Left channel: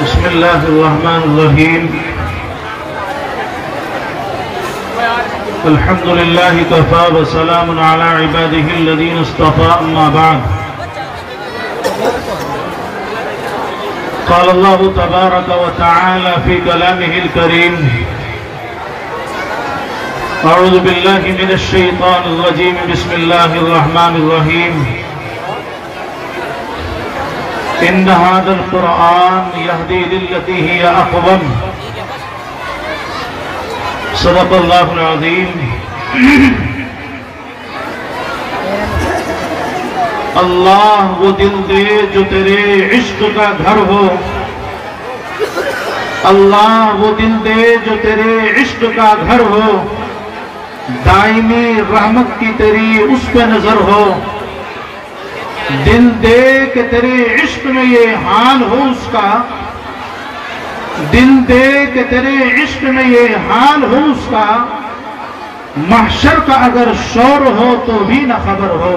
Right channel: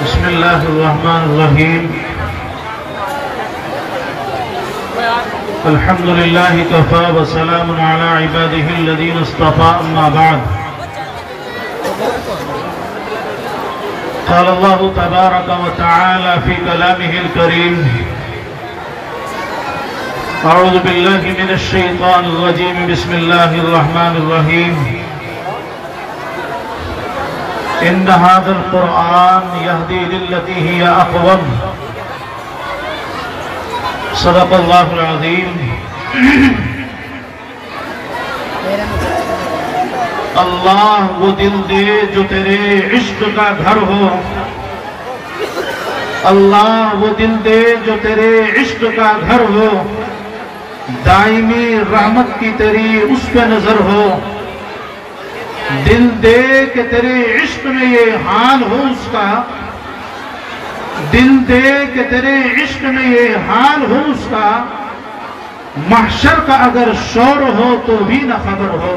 بسم الله الرحمن الرحيم الحمد لله كفى وسلام على عباده الذين اصطفى أما بعد قال الله تبارك وتعالى في كلامه الكريم أعوذ بالله من الشيطان الرجيم بسم الله الرحمن الرحيم إن هذا القرآن يهدي للتي هي أقوم صدق اللہ العظیم اللہ وہ دل دے جو تیرے عشق کا گھر ہو اللہ وہ دل دے جو تیرے عشق کا گھر ہو دائمی رحمت کی تیری اس پہ نظر ہو دل دے کہ تیرے عشق میں یہ حال ہو اس کا دل دے کہ تیرے عشق میں یہ حال ہو اس کا محشر کا اگر شور ہو تو بھی نہ خبر ہو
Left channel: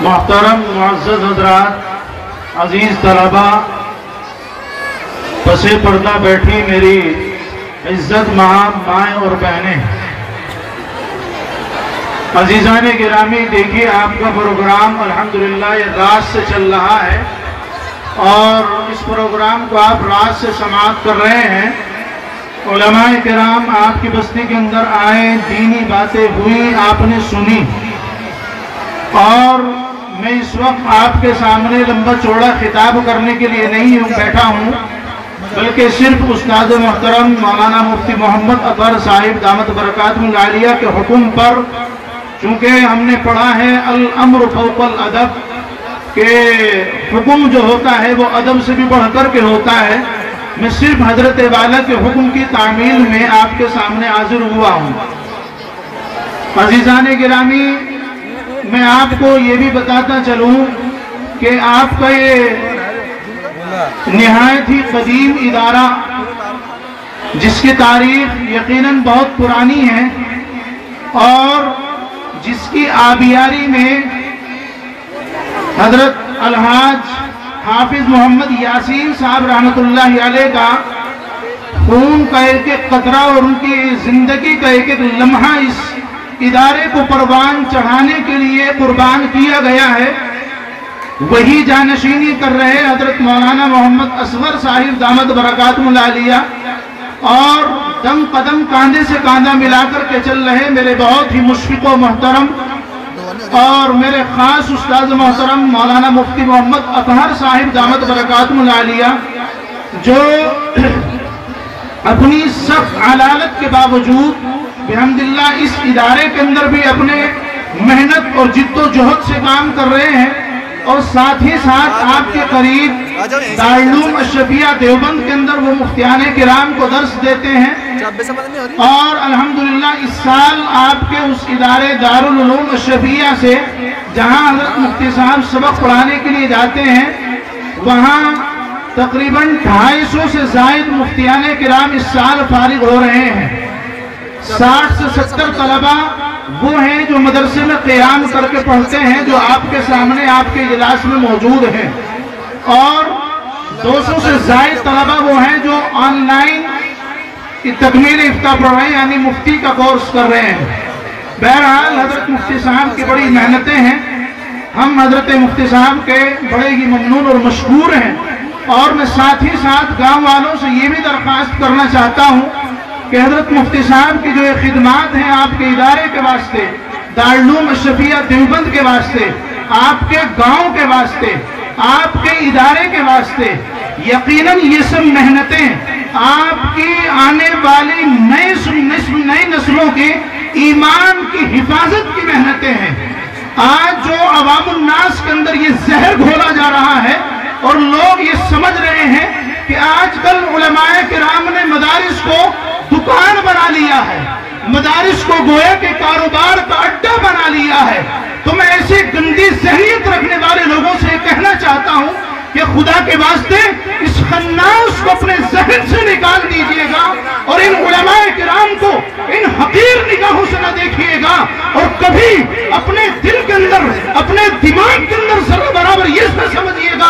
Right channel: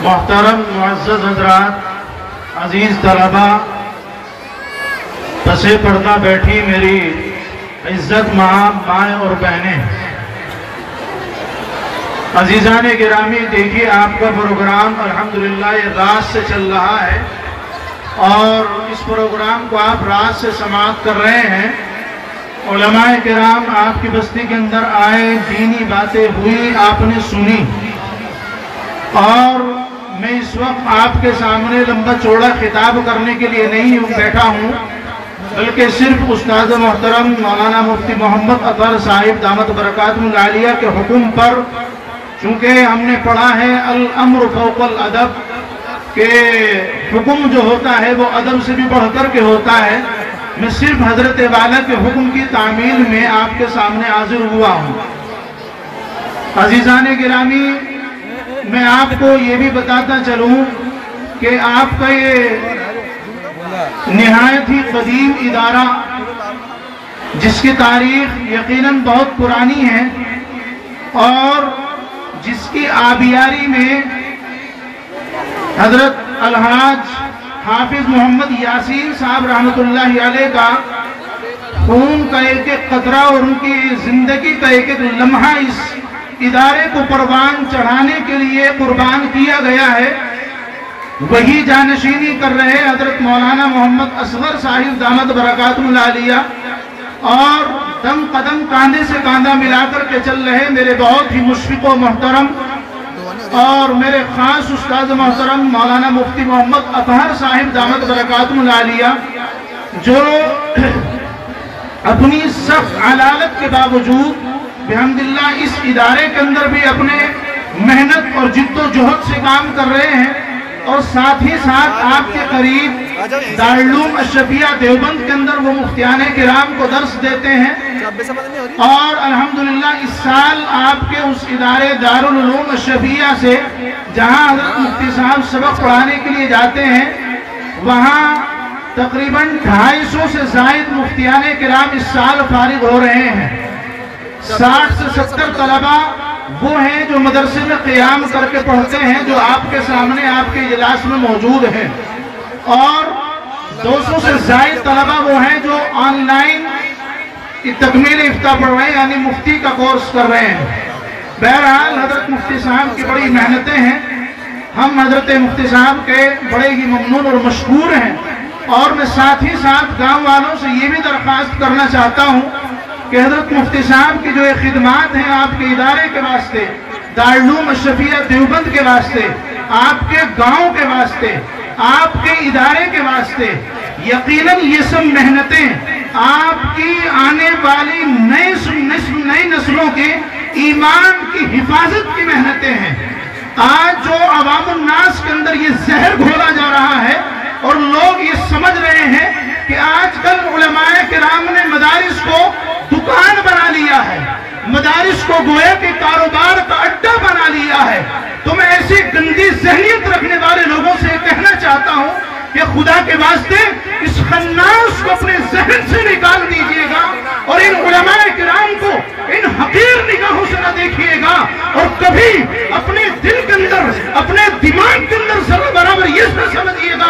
محترم معزز حضرات عزیز طلبہ پس پردہ بیٹھی میری عزت مائیں اور بہنیں عزیزان گرامی دیکھیے آپ کا پروگرام الحمدللہ یہ رات سے چل رہا ہے اور اس پروگرام کو آپ رات سے سماعت کر رہے ہیں علماء کرام آپ کی بستی کے اندر آئے دینی باتیں ہوئی آپ نے سنی اور میں اس وقت آپ کے سامنے لمبا چوڑا خطاب کرنے کے لیے نہیں بیٹھا ہوں بلکہ صرف استاد محترم مولانا مفتی محمد اطہر صاحب دامت برکاتہ العالیہ کے حکم پر چونکہ ہم نے پڑھا ہے الامر فوق الادب کہ حکم جو ہوتا ہے وہ ادب سے بھی بڑھ کر کے ہوتا ہے میں صرف حضرت والا کے حکم کی تعمیل میں آپ کے سامنے حاضر ہوا ہوں عزیزان گرامی میں آپ کو یہ بھی بتاتا چلوں کہ آپ کا یہ نہایت ہی قدیم ادارہ جس کی تاریخ یقیناً بہت پرانی ہے اور جس کی آبیاری میں حضرت الحاج حافظ محمد یاسین صاحب رحمت اللہ علیہ کا خون کا ایک ایک قطرہ اور ان کی زندگی کا ایک ایک لمحہ اس ادارے کو پروان چڑھانے کے لیے قربان کیا گیا ہے وہی جانشینی کر رہے حضرت مولانا محمد اصغر صاحب دامت برکاتہ العالیہ اور دم قدم کاندھے سے کاندھا ملا کر کے چل رہے میرے بہت ہی مشفق و محترم اور میرے خاص استاد محترم مولانا مفتی محمد اطہر صاحب دامت برکاتہ العالیہ جو اپنی سخت علالت کے باوجود بحمداللہ اس ادارے کے اندر بھی اپنے محنت اور جد و جہد سے کام کر رہے ہیں اور ساتھ ہی ساتھ آپ کے قریب دارالعلوم اشرفیہ دیوبند کے اندر وہ مفتیان کرام کو درس دیتے ہیں اور الحمدللہ اس سال آپ کے اس ادارے دارالعلوم اشرفیہ سے جہاں حضرت مفتی صاحب سبق پڑھانے کے لیے جاتے ہیں وہاں تقریباً 250 سے زائد مفتیان کرام اس سال فارغ ہو رہے ہیں 60 سے 70 طلبہ وہ ہیں جو مدرسے میں قیام کر کے پڑھتے ہیں جو آپ کے سامنے آپ کے اجلاس میں موجود ہیں اور 200 سے زائد طلبہ وہ ہیں جو آن لائن تکمیل افتاح پڑھ رہے ہیں یعنی مفتی کا کورس کر رہے ہیں بہرحال حضرت مفتی صاحب کی بڑی محنتیں ہیں ہم حضرت مفتی صاحب کے بڑے ہی ممنون اور مشکور ہیں اور میں ساتھ ہی ساتھ گاؤں والوں سے یہ بھی درخواست کرنا چاہتا ہوں کہ حضرت مفتی صاحب کی جو خدمات ہیں آپ کے ادارے کے واسطے دارالعلوم اشرفیہ دیوبند کے واسطے آپ کے گاؤں کے واسطے آپ کے ادارے کے واسطے یقیناً یہ سب محنتیں آپ کی آنے والی نئی نسلوں کے ایمان کی حفاظت کی محنتیں ہیں آج جو عوام الناس کے اندر یہ زہر گھولا جا رہا ہے اور لوگ یہ سمجھ رہے ہیں کہ آج کل علماء کرام نے مدارس کو دکان بنا لیا ہے مدارس کو گویا کے کاروبار کا اڈا بنا لیا ہے تو میں ایسی گندی ذہنیت رکھنے والے لوگوں سے کہنا چاہتا ہوں کہ خدا کے واسطے اس خناس کو اپنے ذہن سے نکال دیجئے گا اور ان علماء کرام کو ان حقیر نگاہوں سے نہ دیکھیے گا اور کبھی اپنے دل کے اندر اپنے دماغ کے اندر ذرا برابر یہ نہ سمجھیے گا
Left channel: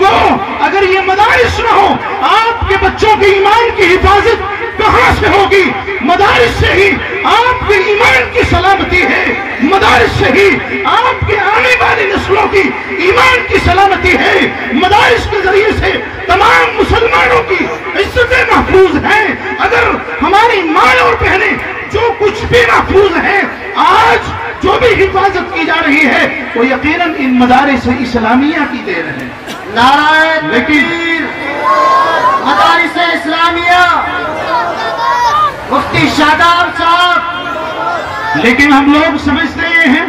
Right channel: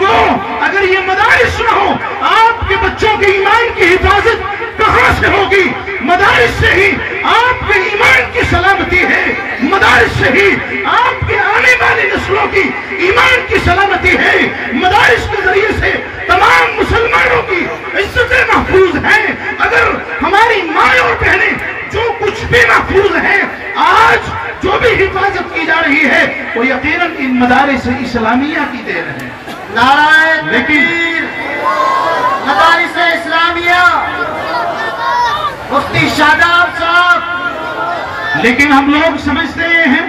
لوگوں اگر یہ مدارس نہ ہو آپ کے بچوں کے ایمان کی حفاظت کہاں سے ہوگی؟ مدارس سے ہی آپ کے ایمان کی سلامتی ہے، مدارس سے ہی آپ کے آنے والی نسلوں کی ایمان کی سلامتی ہے، مدارس کے ذریعے سے تمام مسلمانوں کی عزتیں محفوظ ہیں۔ اگر ہماری ماں اور بہنیں جو کچھ بھی محفوظ ہیں، آج جو بھی حفاظت کی جا رہی ہے وہ یقیناً ان مدارس اسلامیہ کی دے رہے ہیں۔ نعرہ تکبیر، مدارس اسلامیہ، مفتی شاداب صاحب۔ لیکن ہم لوگ سمجھتے ہیں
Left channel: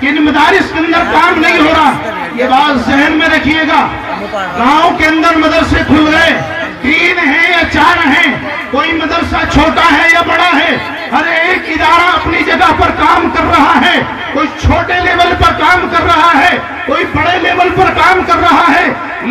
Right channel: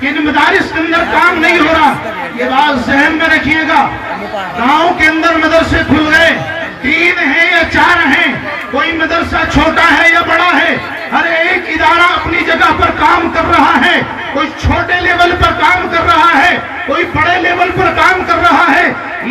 کہ ان مدارس کے اندر کام نہیں ہو رہا، یہ بات ذہن میں رکھیے گا۔ گاؤں کے اندر مدرسے کھل گئے، 3 ہیں یا 4 ہیں، کوئی مدرسہ چھوٹا ہے یا بڑا ہے، ہر ایک ادارہ اپنی جگہ پر کام کر رہا ہے، کوئی چھوٹے لیول پر کام کر رہا ہے، کوئی بڑے لیول پر کام کر رہا ہے،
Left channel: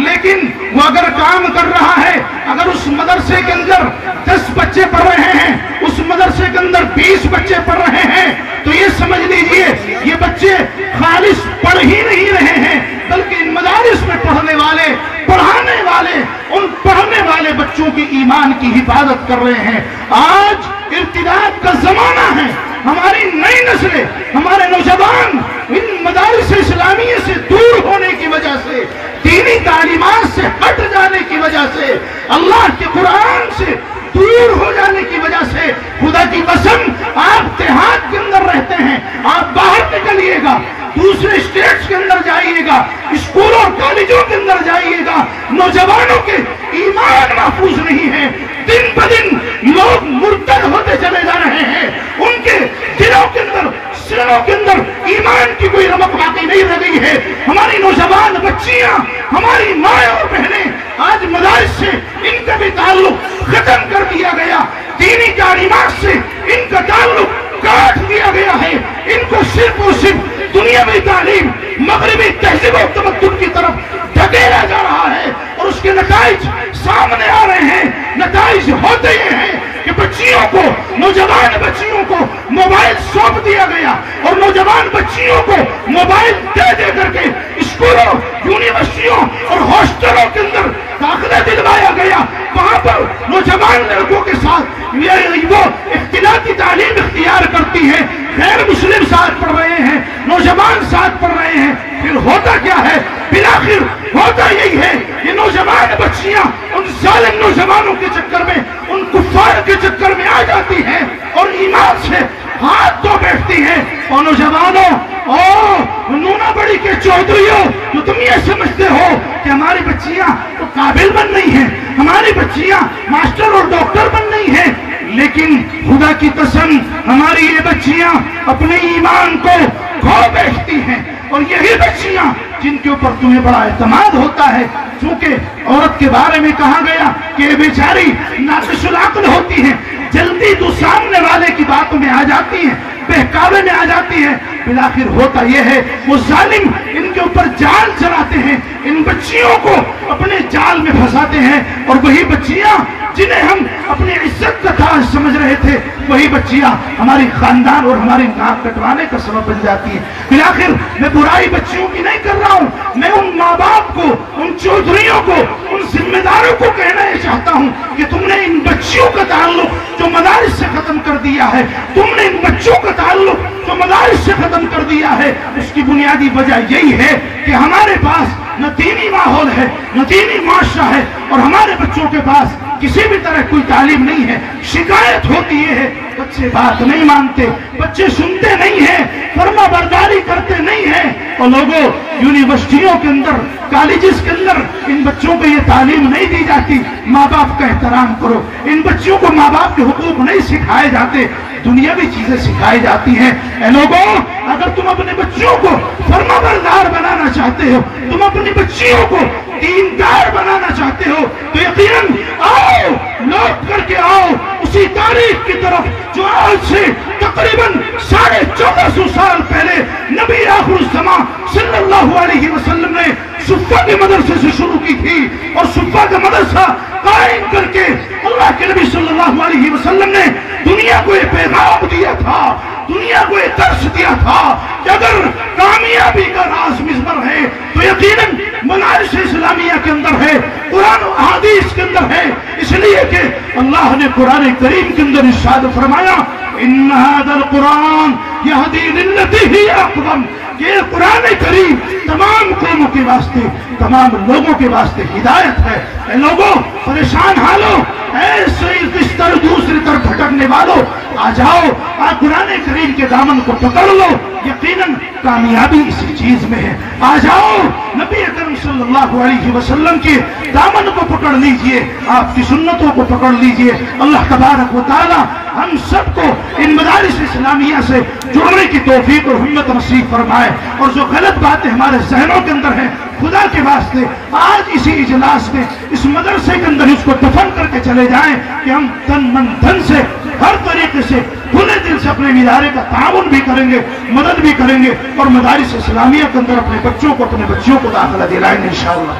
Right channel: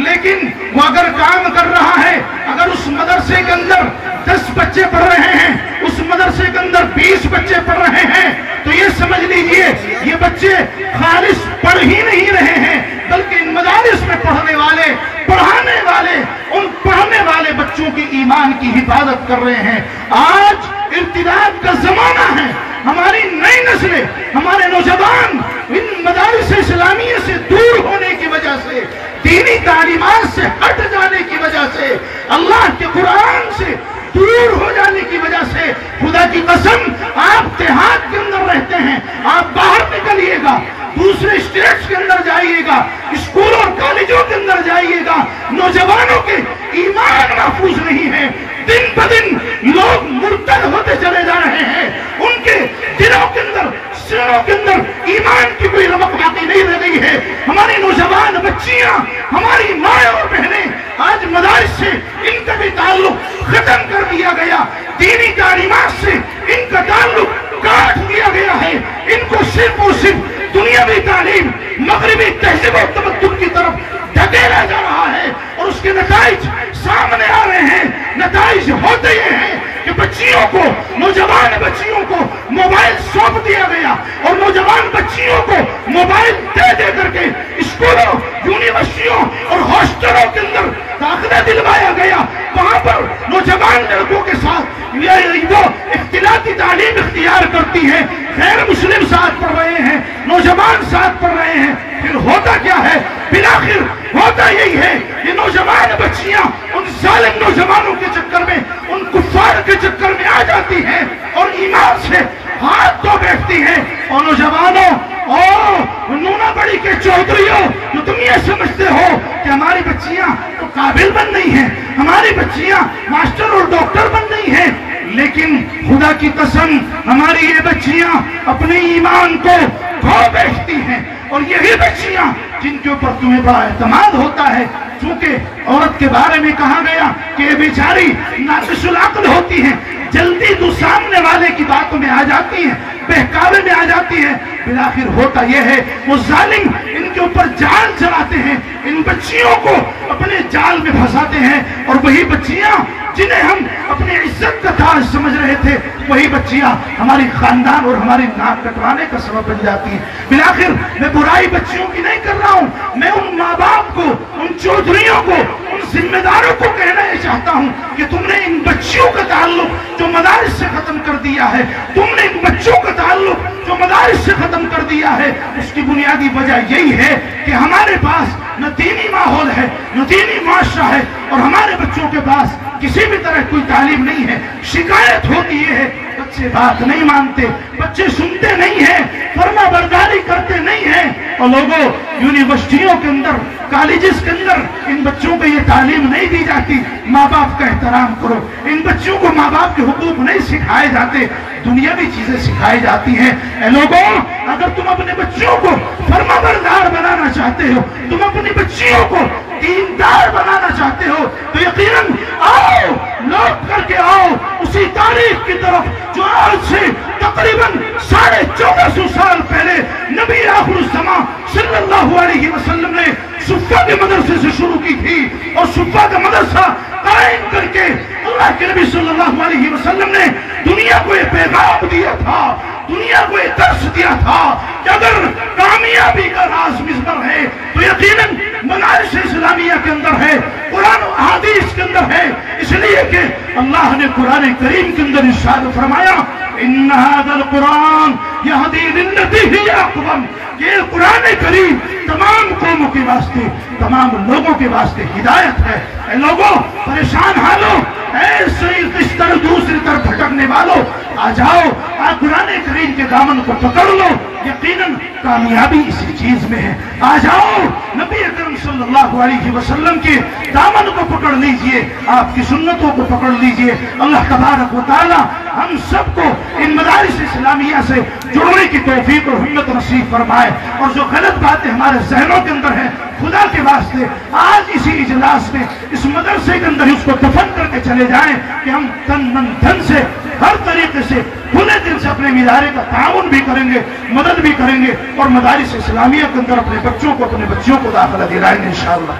لیکن وہ اگر کام کر رہا ہے، اگر اس مدرسے کے اندر 10 بچے پڑھ رہے ہیں، اس مدرسے کے اندر 20 بچے پڑھ رہے ہیں، تو یہ سمجھ لیجئے یہ بچے خالص پڑھ ہی نہیں رہے ہیں، بلکہ ان مدارس میں پڑھنے والے، پڑھانے والے، ان پڑھنے والے بچوں کی ایمان کی حفاظت کر رہے ہیں۔ آج ارتداد کا زمانہ ہے، ہماری نئی نسلیں، ہمارے نوجوان ان مدارس اسلامیہ سے دور ہونے کی وجہ سے، دینی تعلیمات سے ہٹ جانے کی وجہ سے، اللہ کے قرآن سے دور ہو جانے کی وجہ سے، خدا کی قسم آپ دیہات کے اندر رہتے ہیں، آپ باہر نکلیے گا، دوسرے اسٹیٹس کے اندر جائیے گا، اسکول اور کالجوں کے اندر جائیے گا، نوجوانوں کے ایمان محفوظ نہیں ہے، دن بدن لوگ مرتد ہوتے چلے جا رہے ہیں، ان کے دلوں کے اندر، سینوں کے اندر ایمان کی کوئی رمق باقی نہیں رہ گئی ہے۔ ہماری نوجوان بچیاں، ہماری مائیں اور بہنیں آج مدارس سے ان کا بھی تعلق ختم کر دیا گیا، دینی تعلیمات سے ان کا تعلق کاٹ دیا گیا ہے، ان کو صرف اور صرف دنیاوی تعلیم، مغربی تہذیب و تمدن کی طرف دھکیلا جا رہا ہے، اور اس کے نتائج سامنے آ رہے ہیں۔ نتائج ہوتے یہ ہیں کہ بچیوں کو، نوجوان بچیوں کو موبائل سونپ دیا گیا، اور نوجوان بچیوں کو موبائل دے دے کر کے اسکولوں، یونیورسٹیوں اور ہاسٹلوں کے اندر داخلہ دلوایا گیا۔ وہاں پر نوجوان لڑکوں کے ساتھ وہ اختلاطی تعلیم اختیار کرتی ہے، غیر مسلم ساتھ پڑھ رہے ہیں، نوجوان ساتھ پڑھ رہے ہیں۔ پھر ہوتا کیا ہے؟ بالآخر ہوتا یہی ہے، یہ نوجوان بچیاں ان ظالم نوجوانوں کے چکر میں، ان کفار کے چکر میں آ جاتی ہیں اور ایمان سے ہاتھ دھو بیٹھتی ہیں۔ اور نوجوانوں اور نونا بڑی کے چودھریوں، جو تم یہ سمجھتے ہو کہ ہماری بچیاں تو قابل بن نہیں ہیں، ہماری بچیاں ماسٹر اور ڈاکٹر بن نہیں ہیں، لیکن خدا کی قسم ہماری یہ بچیاں اپنے ایمان کو کھو بیٹھتی ہیں، اور یہی بچیاں جن کے اوپر تمہیں بڑا اعتماد ہوتا ہے، چونکہ عورت کے بارے میں کہا گیا کہ یہ بیچاری ناقص العقل ہوتی ہیں، جلدی تو سامنے والے کی باتوں میں آ جاتی ہیں، بہکاوے میں آ جاتی ہیں۔ بالآخر ہوتا یہ ہے وہ ظالم ان کے اوپر جال چلاتے ہیں، ان بچیوں کو اپنے جال میں پھنساتے ہیں، اور وہی بچیاں جنہیں ہم اپنے عزت کا تاج سمجھ رہے تھے، وہی بچیاں ہماری خاندان اور ہماری ناک کٹوانے کا سبب بن جاتی ہیں۔ بالآخر میں برائی بچیوں کی نہیں کر رہا ہوں، میں ان ماں باپ کو، ان چودھریوں کو، ان ذمہ داروں کو کہنا یہ چاہتا ہوں کہ تم نے ان بچیوں کا تعلق جو مدارس سے ختم کر دیا ہے، تم نے ان بچوں کا تعلق جو مدارس سے ختم کر دیا ہے، اس کی بنیادی وجہ یہی ہے کہ ہمارے پاس نہ دینی ماحول ہے، نہ دینی معاشرہ ہے، اور ہمارے بچوں کے پاس کسی بھی طرح کوئی تعلیم نہیں ہے۔ شکایت ہوتی یہ ہے بچے بات نہیں مانتے، بچے سنتے نہیں ہیں، فرما برداری کرتے نہیں ہیں، اور لوگوں یونیورسٹیوں کے اندر، کالجز کے اندر ان بچوں کو یہ تعلیم نہیں دی جاتی ماں باپ کا احترام کرو، ان بچوں کو ماں باپ کے حقوق نہیں سکھائے جاتے، دنیاوی چیزیں سکھائی جاتی ہیں۔ اے لوگوں، اگر تم اپنے بچوں کو فرما بردار بنانا چاہتے ہو، تم اپنی بچیوں کو دیندار بنانا چاہتے ہو، تو یقیناً آؤ، لوٹ کر کے آؤ اسی تاریخ کی طرف جو آج سے تقریباً 1450 سال پہلے نبی آخر الزمان صلی اللہ علیہ وسلم نے صفہ کے مدرسے سے شروع کی تھی، اور صفہ کا مدرسہ قائم کر کے اللہ کے نبی صلی اللہ علیہ وسلم نے دنیا کو یہ پیغام دیا تھا، دنیا کو یہ درس دیا تھا کہ اگر کامیاب کامیابی کا راز مضمر ہے تو یقیناً مدارس اسلامیہ کے اندر ہے، قرآن و احادیث کے اندر ہے، اس لیے کہ اللہ نے قرآن کریم کے اندر ارشاد فرمایا ان ھذا القرآن یہدی للتی ہی اقوم، یہ قرآن کریم تمام قوموں کے واسطے، تمام لوگوں کے واسطے ہدایت ہے۔ اے لوگوں، پریشان حالوں، ایسے اس طرح دوسری طرف بھٹکنے والوں، آ جاؤ، آج قرآن کریم کے دامن کو پکڑ لو، یقیناً کامیابی اسی چیز میں ہے۔ آ جاؤ، نبی اکرم صلی اللہ علیہ وسلم کے دامن کو پکڑ لیجئے، آپ کی سنتوں کو پکڑ لیجئے۔ اللہ تبارک و تعالی ہم سب کو ان مدارس اسلامیہ سے جڑنے کی توفیق اور ہمت نصیب فرمائے، اور جو غلط باتیں ہمارے ذہنوں کے اندر ہیں، خدا کے واسطے آج اسی اجلاس میں اس مدرسے کے اندر اس کو دفن کر کے چلے جائیں کہ ہم تن من دھن سے ہر طریقے سے کھلے دل سے اپنے ادارے کا تعاون بھی کریں گے، مدد بھی کریں گے، اور مدارس اسلامیہ کے اندر اپنے بچوں کو، اپنے بچیوں کو داخلہ دلائیں گے انشاءاللہ۔